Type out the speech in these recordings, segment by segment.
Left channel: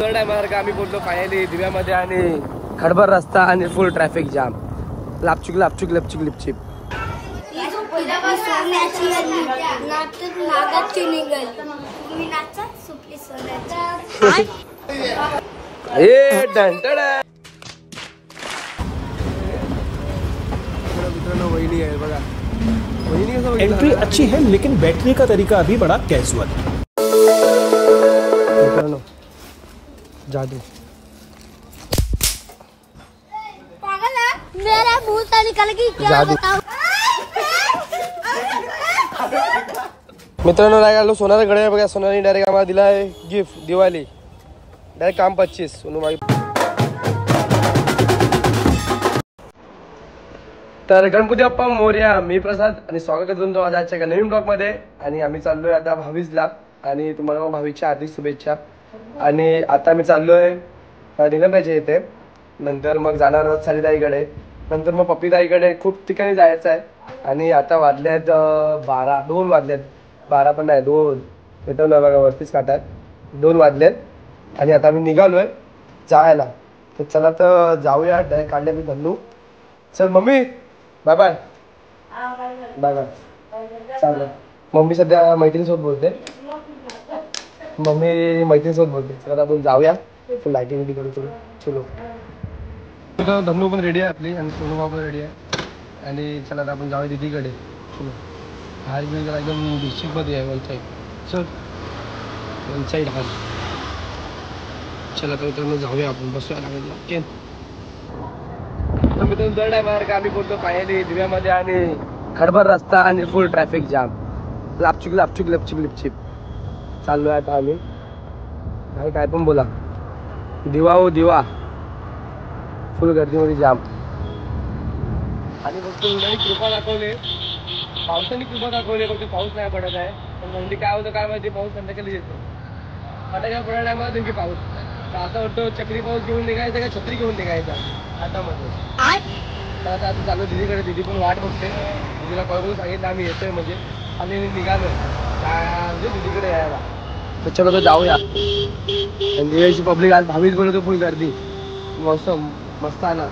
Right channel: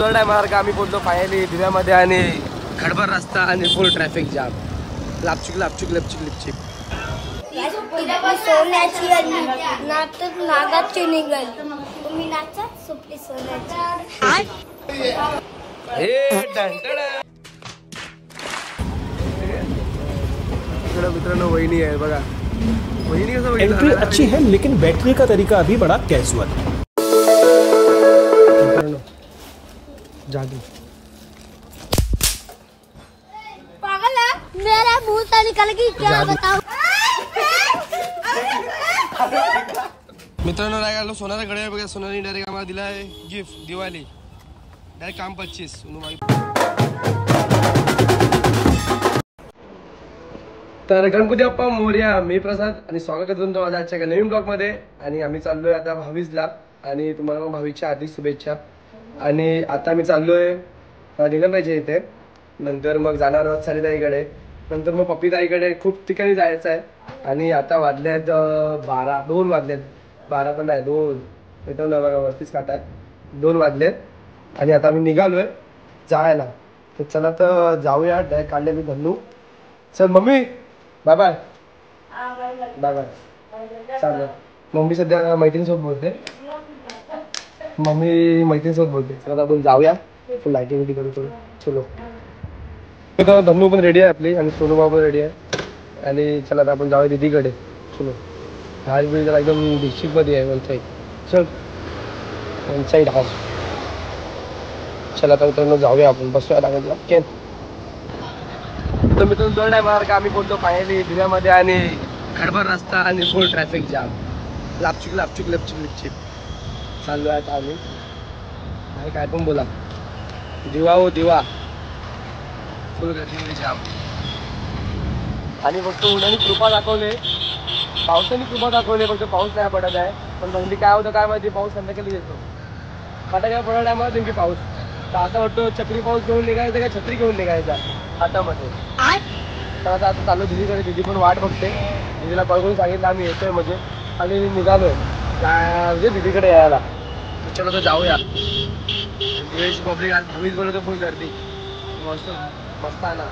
टायमावर आम्ही बोललो फायनली दिव्यामध्ये आणि खडबर रस्ता आणि फुल ट्रॅफिक जाम. लापचूक लापचूक लपचूक लिपचिक. सोन्याची नाटक नागाची निघाल तुम्ही नाचा सुपली सोन्याची. मित्रांनो वहिनी आहे बघा. वहिनी कसं एंट्री अच्छी है लेकिन बैठने का तरीका अभी बड़ा कैजुअल. मित्रांनो जादू. पागल है मेरा मुंह से निकल गई क्या बताऊं. मित्रांनो रायगडला सोनाचा गड्या बघा. सोनाने डायरेक्ट आम्हाला दिला आहे गिफ्ट दिवाळी. डायरेक्ट काम 25 सोनूबाई. तर गणपती बाप्पा मोरया. मी प्रसाद आणि स्वागत आहे तुमचं माझ्या आजच्या नवीन ब्लॉग मध्ये. आणि आम्ही चाललोय आता भावीजला आणि तुम्हाला मग भावीच्या हार्दिक शुभेच्छा. आणि आता मी चाललोय निलंब्याच्या इथे. नंतर मग जाणार सारीताईकडे. नंतर मग पप्पीताईकडे. खूप ठिकाणी जायचं आहे. आणि आता वाजल्यात 2 वाजलेत. 12 पण नाही 2. मित्रांनो बघा वरतीच काटाय 2 वाजलेत. आणि आता आम्ही निघालोय जायला. तर चला तर जाऊया. डायरेक्ट काढले मी धन्नू. चल mummy bye bye. Bye bye. चालेल. मम्मी सध्या मैत्रिणीसोबत बोलते. मम्मी मैत्रिणीसोबत बोलते. चला आपण जाऊया. फुल लाईटिंग बिटिंग करू. चलो. धन्नू पण रेडी आहे आपली आणि सोनूबाबा पण रेडी आहे. आणि चला आता आपण जाऊया दीदीकडे. चलो. हाल बिल जरा एकदम डिस्ट्रिक्टमध्ये आहे वन साईड. चल वन साईड हाल. चला आता मित्रांनो जाऊया आपण. बसूया लागेल केन. तर मित्रांनो दर टायमावर आम्ही बोलतो फायनली दिव्यामध्ये आणि खडबर रस्ता आणि फुल ट्रॅफिक जाम. लापचूक लापचूक लपचूक लिपचिक चालू आहे चालू. आणि काय पण बोला दिवा हो दिवा. फुल गर्दीमध्ये जाम. आणि फक्त उन्हाने कृपा दाखवले. पावसाने कृपा दाखवले. फक्त पाऊस नाही पडत आहे. पण म्हणजे काय होतं काय माहिती. पाऊस संध्याकाळी येतो. फटाक्या पडत टायमाला नेमकी पाऊस. तर असं वाटतं चक्री पाऊस घेऊन निघायचा का छत्री घेऊन निघायचा हातामध्ये. तर आता चालू दीदीकडे. दीदी पण वाट बघते. दीदीला कॉल करून सांगितलं आम्ही येतोय म्हणजे. आणि निघालोय म्हणजे दीदीकडे यायला. तर चलो तर जाऊया. आणि दिव्याची पब्लिक आज भावीच बोलतो फुल गर्दी. मस्त मस्त आला.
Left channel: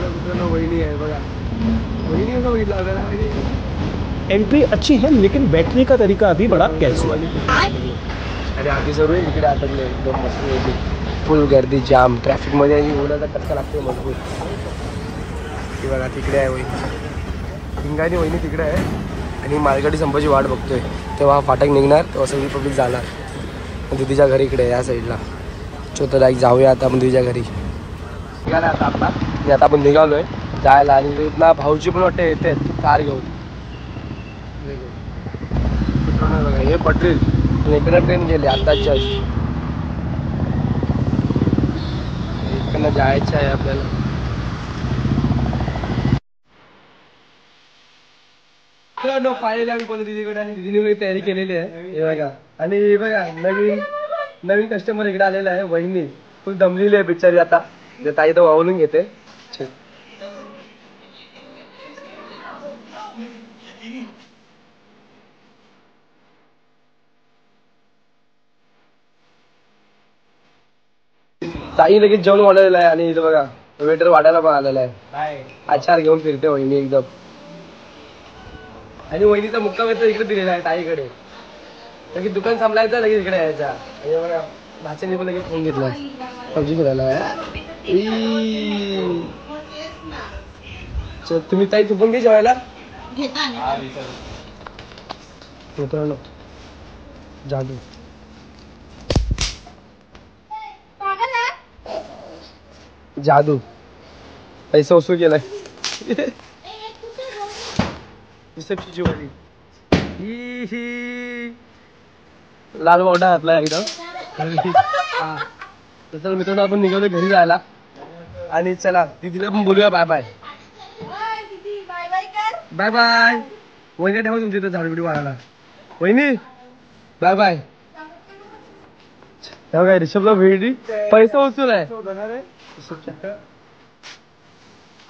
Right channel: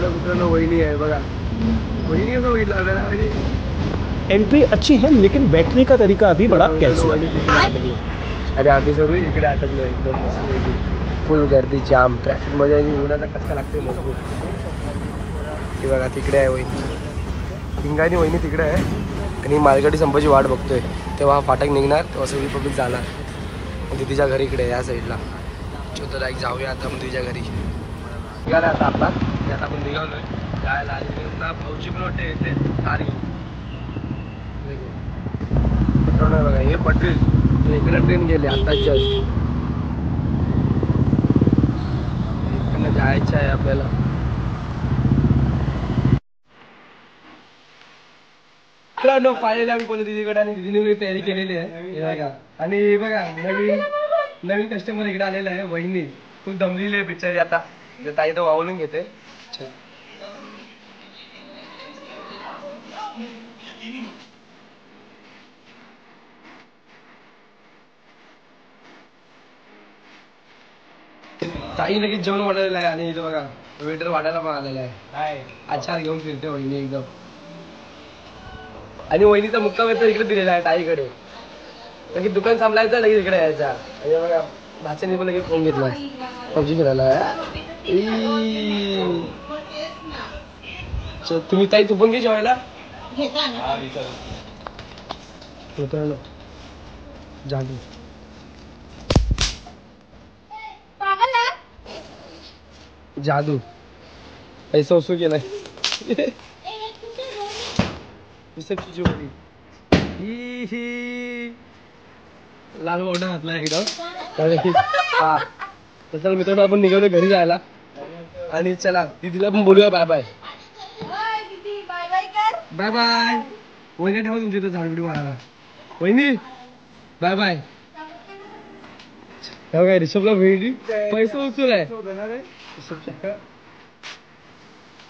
मित्रांनो वहिनी आहे बघा. वहिनी कसं बघितलं आपल्याला. एंट्री अच्छी है लेकिन बैठने का तरीका अभी बड़ा कैजुअल. अरे आधी सर्व इकडे अटकले एकदम मस्त. फुल गर्दी जाम ट्रॅफिक मध्ये. आणि उन्हाचा कचका लागते मजबूत. की बघा तिकडे आहे वहिनी. हिंगानी वहिनी तिकडे आहे. आणि मालगाडी संपाची वाट बघतोय. तेव्हा फाटक निघणार तेव्हा सगळी पब्लिक जाणार. दीदीच्या घरी इकडे या साईडला. सो तर लाईक जाऊया आता आपण दीदीच्या घरी. निघाला आता आपला. आणि आता आपण निघालोय जायला. आणि ना भाऊजी पण वाटते येते कार घेऊन. मित्रांनो बघा हे पटेल इकडे ट्रेन गेले आता जस्ट. इकडनं जायचं आहे आपल्याला. मित्रांनो फायनली आम्ही बोलतो दीदीकडे. आणि दीदीने तयारी केलेली आहे हे बघा. आणि बघा नवीन कस्टमर इकडे आलेला आहे. वहिनी खूप दमलेली आहे बिचारी आता. ताई तर वावरून घेते. ताई लगेच जेवण वाढलेलं आहे. आणि इथं बघा वेटर वाढायला पण आलेला आहे. आचार घेऊन फिरते वहिनी एकदम. आणि वहिनीचा मुक्काम येतो इकडे दिलेला आहे ताईकडे. लगेच दुकान सांभाळायचं लगेच इकडे यायचा. बघा भाच्याने पण लगेच फोन घेतला पबजी खेळायला. तुम्ही ताई तू पण घे जेवायला. मित्रांनो जादू. जादू पैसा वसूल केलाय. रिसेप्शनची वडी ही लाल मोठा घातला एकदम. हा तर चला मित्रांनो आपण निघालो घरी जायला. आणि चला दीदीला पण बोलूया बाय बाय. Bye bye. वहिनी ठेवा तुमच्या इथं झाडबिडी वाढायला. वहिनी बाय बाय. काय रिषभला भेटी पैसा वसूल आहे.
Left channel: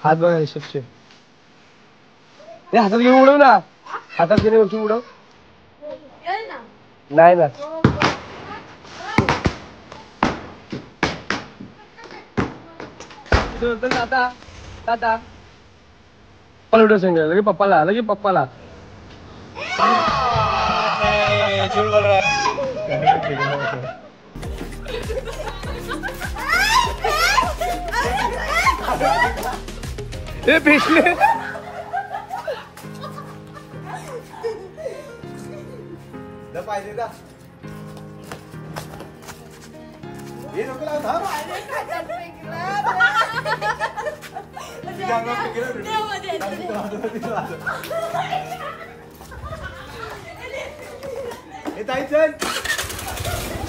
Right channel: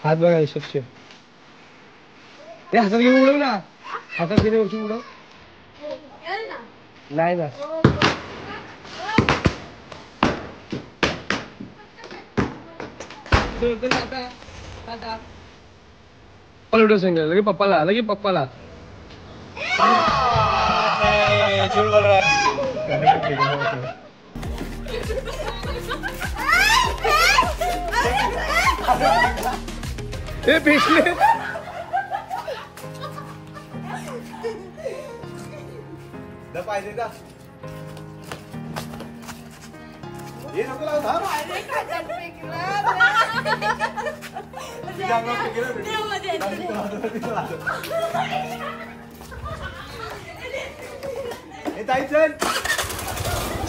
हात बघा रिषभचे. हातात घेऊन उडव ना. हातात घेऊन उडव. नाही ना व्हिडिओ सांगितलं लगे पप्पाला ए पिछले पाहिजे का ये नको लावू थांब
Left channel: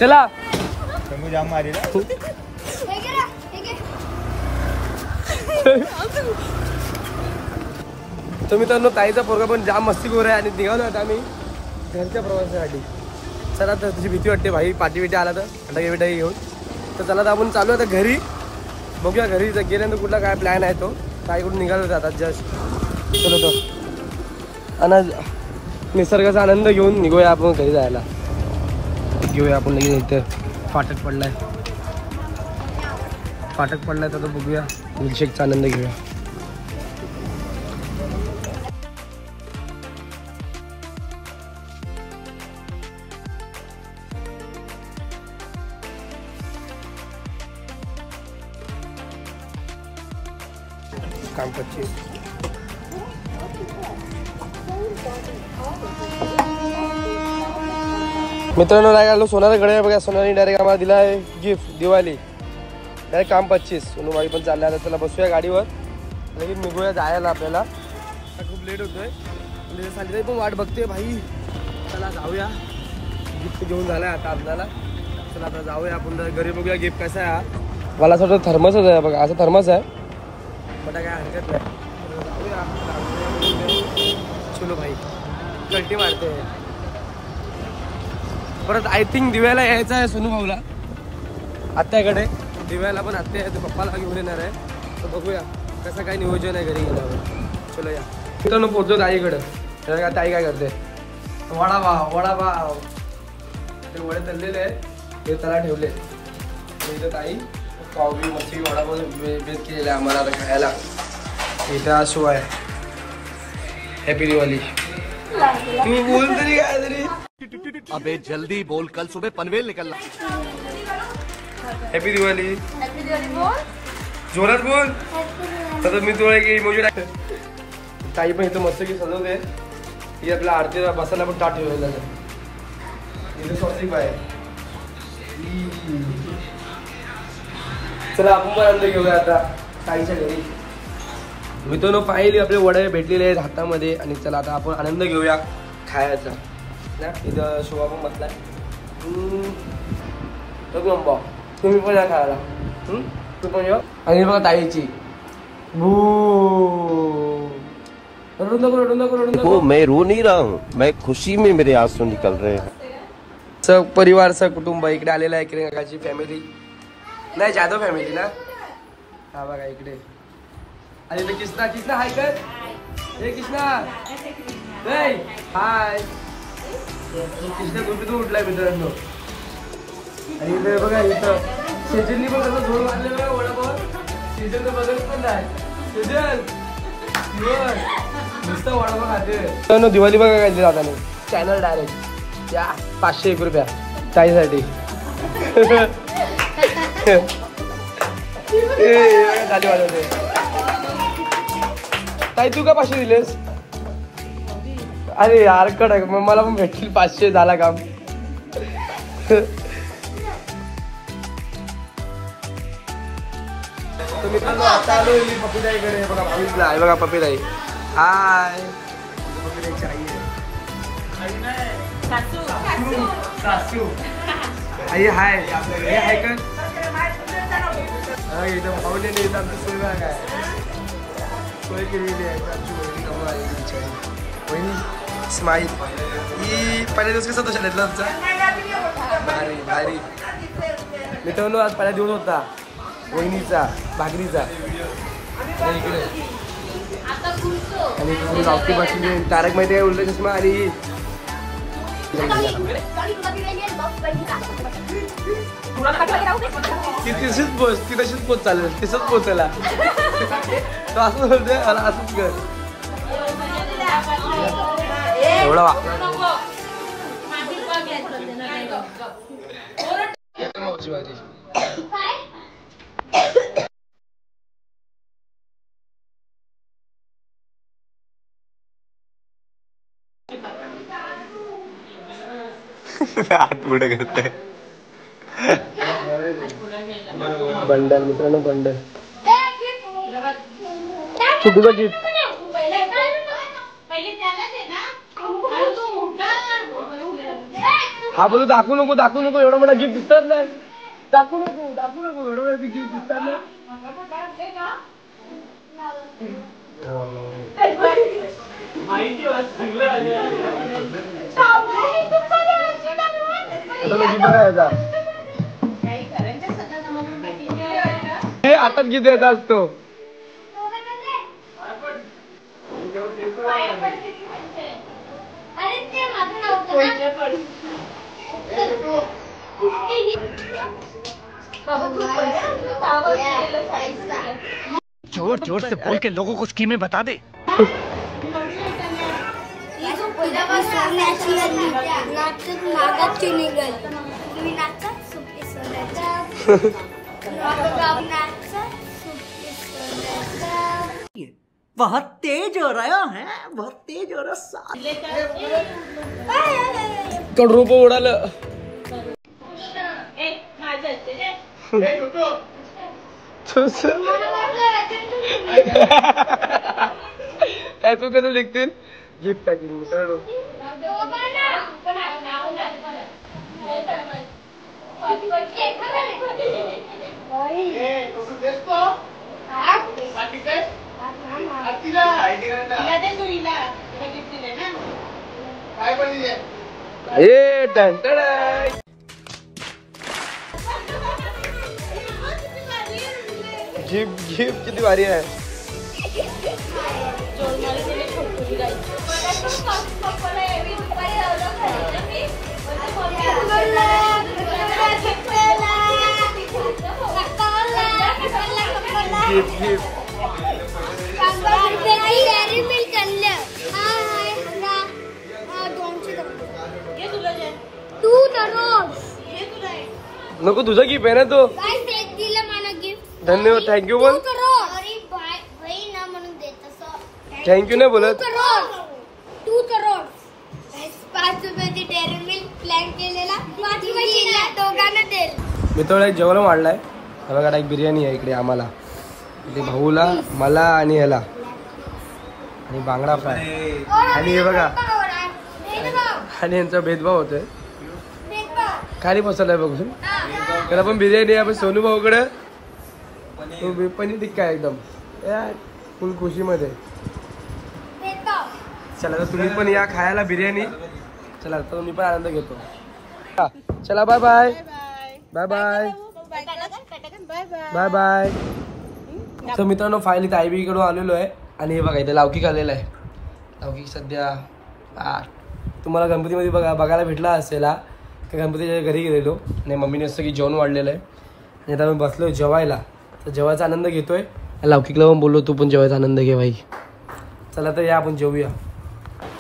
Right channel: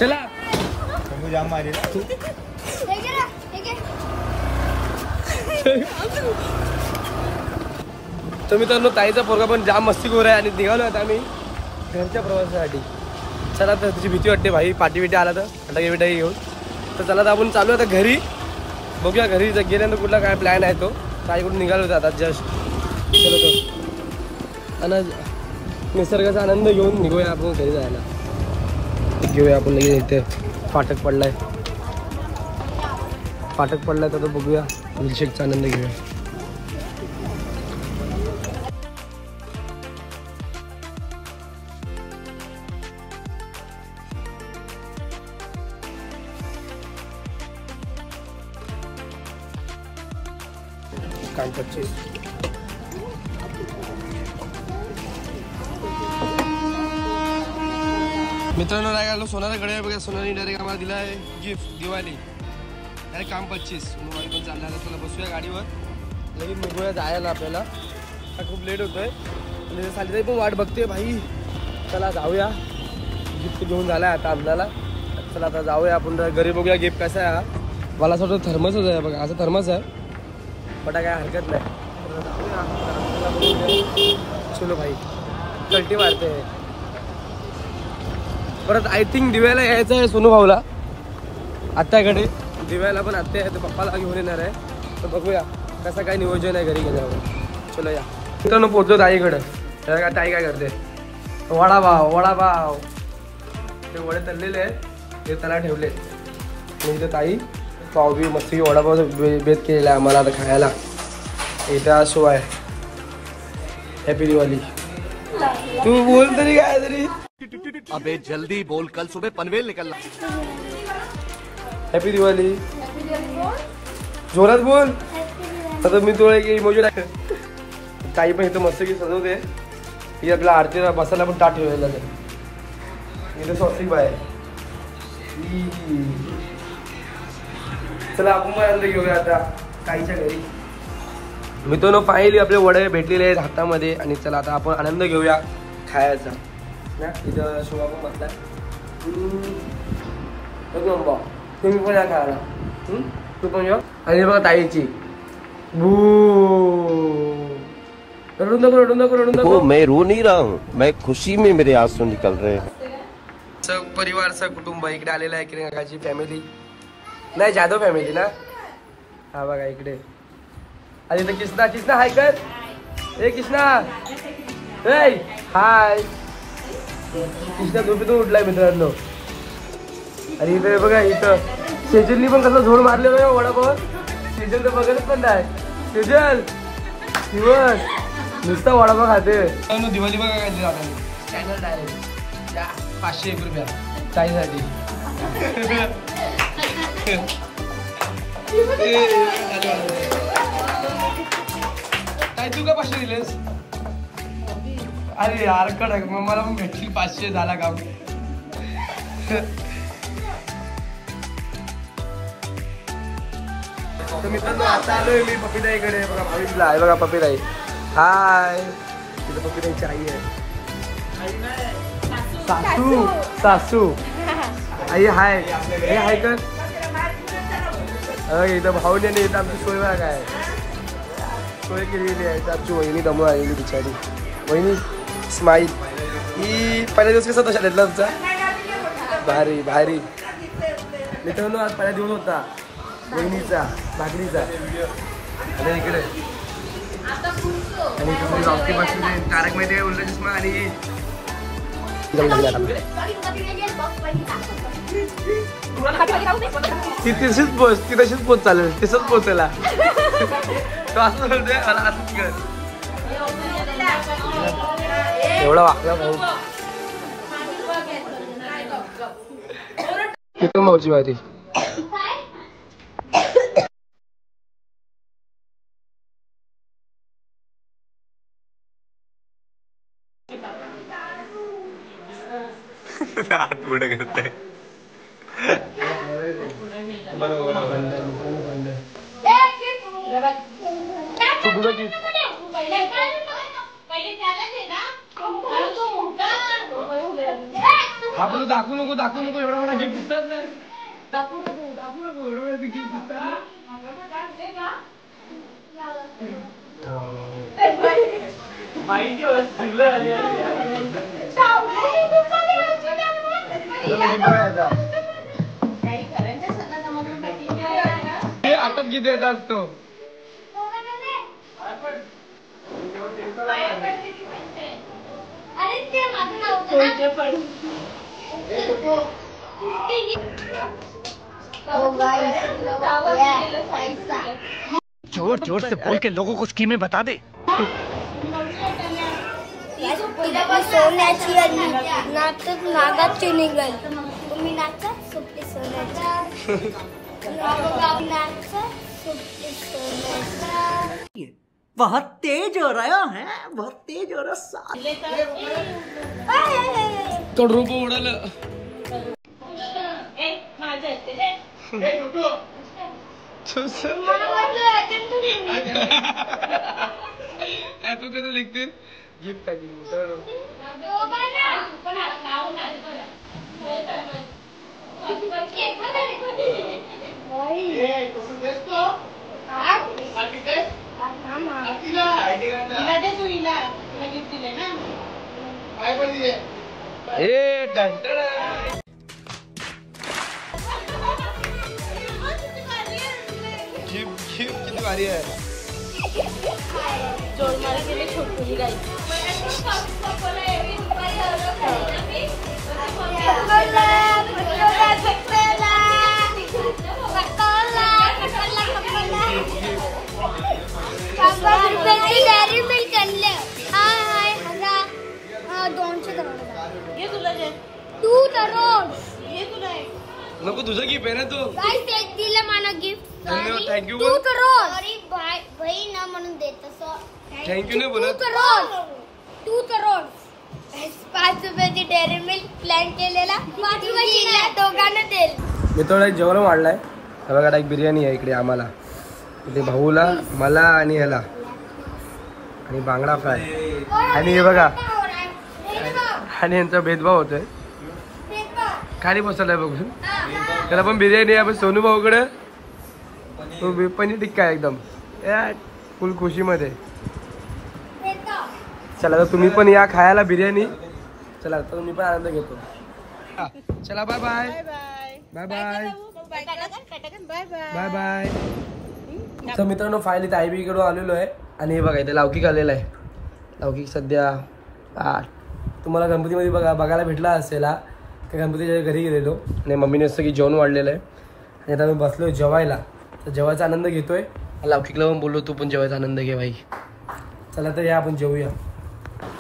चला जाम मारी तर मित्रांनो ताईचा पोरगा पण जाम मस्तीखोर आहे आणि निघालो आता आम्ही घरच्या प्रवासासाठी. चला तर तुझी भीती वाटते भाई पाठी बिटी आला तर फटाके बिटाके घेऊन. तर चला तर आपण चालू आता घरी. बघूया घरी गेल्यानंतर कुठला काय प्लॅन आहे तो. ताईकडून निघालो होतो आता जस्ट. चलो तो आणि निसर्गाचा आनंद घेऊन निघूया आपण घरी जायला. घेऊया आपण इथे फाटक पडलाय तर बघूया मिल्कशेकचा आनंद घेऊया. काम 25 मित्रांनो नाही घाललो सोनारा कडे बघा. सोनारी डायरेक्ट आम्हाला दिला आहे गिफ्ट दिवाळी. डायरेक्ट काम 25. सोनूबाई पण चालल्या आता. चला बसूया गाडीवर लगेच निघूया जायला आपल्याला. खूप लेट होतोय म्हणजे सालीताई पण वाट बघते भाई. चला जाऊया. गिफ्ट घेऊन झालाय आता आम्हाला. चला आता जाऊया आपण घरी बघूया गिफ्ट कसा आहे. हा मला असं वाटतं थर्मसच आहे बघा. असं थर्मस आहे बट काय हरकत नाही. जाऊया चलो भाई. कल्टी मारते परत. आय थिंक दिव्याला यायचं आहे सोनू भाऊला आत्याकडे. दिव्याला पण आत्या आहे ते पप्पाला घेऊन येणार आहे. तर बघूया कसं काय नियोजन आहे घरी गेल्यावर. चलो या मित्रांनो पोहोचलो ताईकडं. ताई काय करते वडापाव ते वडे तळलेले आहेत ते त्याला ठेवले. म्हणजे ताई पाव बी मच्छी वडापाव बेत केलेला आहे आम्हाला आता खायला. इथं शो आहे. हॅपी दिवाळी. तू बोल तरी काय तरी. अबे जल्दी बोल कल सुबह पनवेल निकलना. हॅपी दिवाळी. जोरात बोल. आता मी तुला एक इमोजी टाक. ताई पण इथं मस्त की सजवते. ही आपल्या आरतीला बसायला पण ताट ठेवलेला आहे. इथं सॉसिक बाय. चला आपण पण आनंद घेऊया आता ताईच्या घरी. मित्रांनो पाहिली आपले वडे भेटलेले आहेत हातामध्ये. आणि चला आता आपण आनंद घेऊया खायचा ना. इथं शोभा पण बसला. तुम्ही पण या खायला. तू पण या. आणि बघा ताईची वो मैं रो नहीं रहा हूँ, मैं खुशी में मेरे आंसू निकल रहे हैं. सब परिवार सब कुटुंब इकडे आलेला आहे. किरण काकाची फॅमिली नाही जाधव फॅमिली ना. हा बघा इकडे. आणि इथं किसना हाय कर. हे किसना हाय. किसना झोपेतून उठलाय मित्रांनो. आणि इथे बघा इथं सेजलनी पण कसं झोड मारलेलं आहे वडापाव. सेजल तर बघत पण नाही. सेजल नुसता वडापाव खाते. तर दिवाळी बघा काय जाता नाही. चॅनल डायरेक्ट 501 रुपया चाळीसाठी. काय तू का 500 दिलेस. अरे यार कडक मला पण भेटतील 500 झाला काम. मित्रांनो आता आलोय मी पप्पीताईकडे. बघा भावीसला आहे बघा पप्पीताई. हाय. तिथं पप्पीताईची आई आहे. सासू आई हाय. हे हाय कर. इथं भाऊने इथं आमची सोय बघा काय सोय केलेली आहे. आमची वहिनी दमू आलेली बिचारी. वहिनी स्माईल. ही पहिल्या दिवस कसा तशा घेतला तुमचा. भारी मित्रांनो आज पहिला दिवस होता वहिनीचा भाकरीचा. आणि इकडे आणि इथे गावठी बसली. तारक माहिती आहे उलट चष्मा. आणि ती तशीच पोच, ती तशीच पोच चालेल, तसंच पोचायला. तो असं बोलतोय मला असंच कर. एवढा वाकला भाऊ. मावची माहिती हात पुढे करताय. बंडल मित्रांनो, बंडल छोटूचा गिफ्ट. हा बोलू दाखवू नको, दाखवू नको, एवढा मोठा गिफ्ट दिसतात नाही. दाखवू नको, दाखवू नको, एवढा मोठा गिफ्ट दिसतात ना. हातात गिफ्ट द्यायचा असतो. जोर जोर से बोल के लोगों को स्कीमें बता दे. सोन्याची नाचत नागाची निघाल. तुम्ही नाचत सुट्टी सोन्याची. बहुत तेज हो रहा है, बहुत तेज हो रहा. कड रूप उडालं. ऐकू कसं लिखतील गिफ्ट पॅकिंग. गिफ्ट किती भारी आहे. नको तुझा गिफ्ट आहे ना तो. धन्यवाद, थँक्यू बोल. थँक्यू नाही बोलत. 2 करोड 5 रुपयाची डेअरी मिल्क प्लॅन केलेला 5 रुपयाची दोघांना देईल. मित्रांनो एक जेवण वाढलाय. हा बघा एक बिर्याणी आहे इकडे आम्हाला, इथे भाऊला, मला आणि ह्याला, आणि बांगडा फ्राय. आणि हे बघा, आणि यांचा भेदभाव होतोय खाली बसवलाय बघून. त्याला पण बिर्याणी आहे, पण सोनू भाऊकडे पनीर टिक्का आहे एकदम फुल खुशीमध्ये. चला तर तुम्ही पण या खायला बिर्याणी. चला तर मी पण आनंद घेतो. चला bye bye bye bye bye bye. तर मित्रांनो फायनली ताईबीकडून आलेलो आहे. आणि हे बघा इथे लौकिक आलेला आहे. लौकिक सध्या तुम्हाला गणपतीमध्ये बघायला भेटला असेल. त्या गणपतीच्या घरी गेलेलो आणि मम्मीने असं की जेवण वाढलेलं आहे. आणि आता मी बसलो जेवायला, तर जेवायचा आनंद घेतोय. लौकिकला पण बोललो तू पण जेवायचा आनंद घे भाई. चला तर या आपण जेवूया.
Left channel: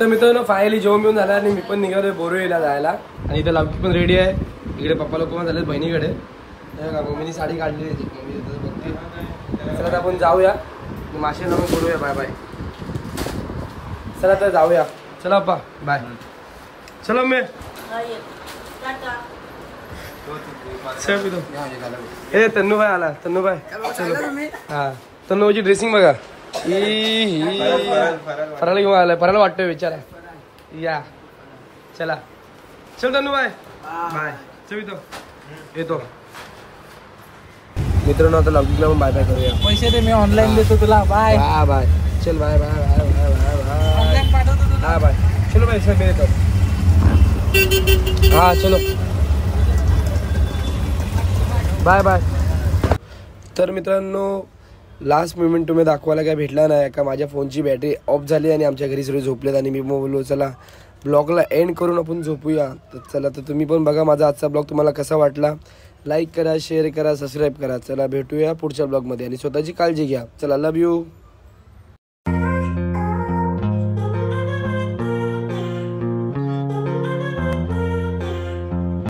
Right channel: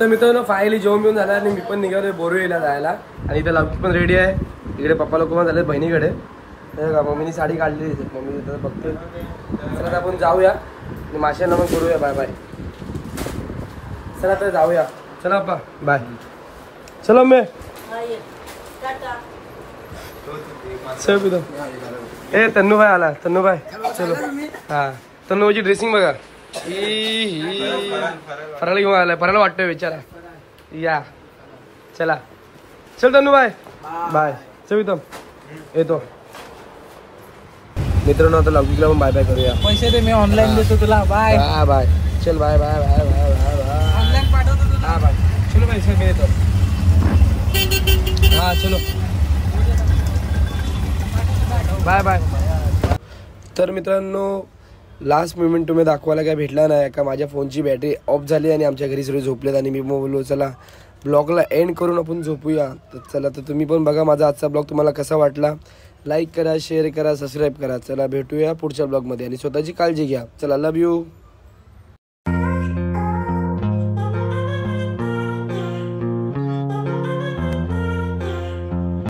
तर मित्रांनो फायनली जेवण मिळून झाला आणि मी पण निघालो बोरिवलीला जायला. आणि इथं लौकिक पण रेडी आहे. इकडे पप्पा लोक पण झाले बहिणीकडे. का मम्मीने साडी काढली होती, मम्मी बघते. चला तर आपण जाऊया माशांना पण करूया. Bye bye. चला तर जाऊया. चला अप्पा बाय. चलो मी चल. ए तन्नू भाई आला. तन्नू भाई चलो. हा तन्नूची ड्रेसिंग बघा. फराला घेऊन आलाय. फराला वाटतोय विचारा. या चला. चल तन्नू भाई बाय. चल येतो. मित्रांनो आता लौकिकला पण बाय बाय करूया. पैसे दे, मी ऑनलाईन देतो तुला. Bye bye bye. चल bye bye bye bye bye bye. Online पाठवतो तुला. हा बाय. चलो भाई सर मी येतो. हा चलो बाय बाय. तर मित्रांनो लास्ट मोमेंट तुम्ही दाखवायला काय भेटला नाही का माझ्या फोनची बॅटरी ऑफ झाली आणि आमच्या घरी सगळे झोपलेत. आणि मी बोललो चला ब्लॉगला एंड करून आपण झोपूया. तर चला, तर तुम्ही पण बघा माझा आजचा ब्लॉग तुम्हाला कसा वाटला. लाईक करा, शेअर करा, सबस्क्राईब करा. चला भेटूया पुढच्या ब्लॉगमध्ये आणि स्वतःची काळजी घ्या. चला, लव्ह यू.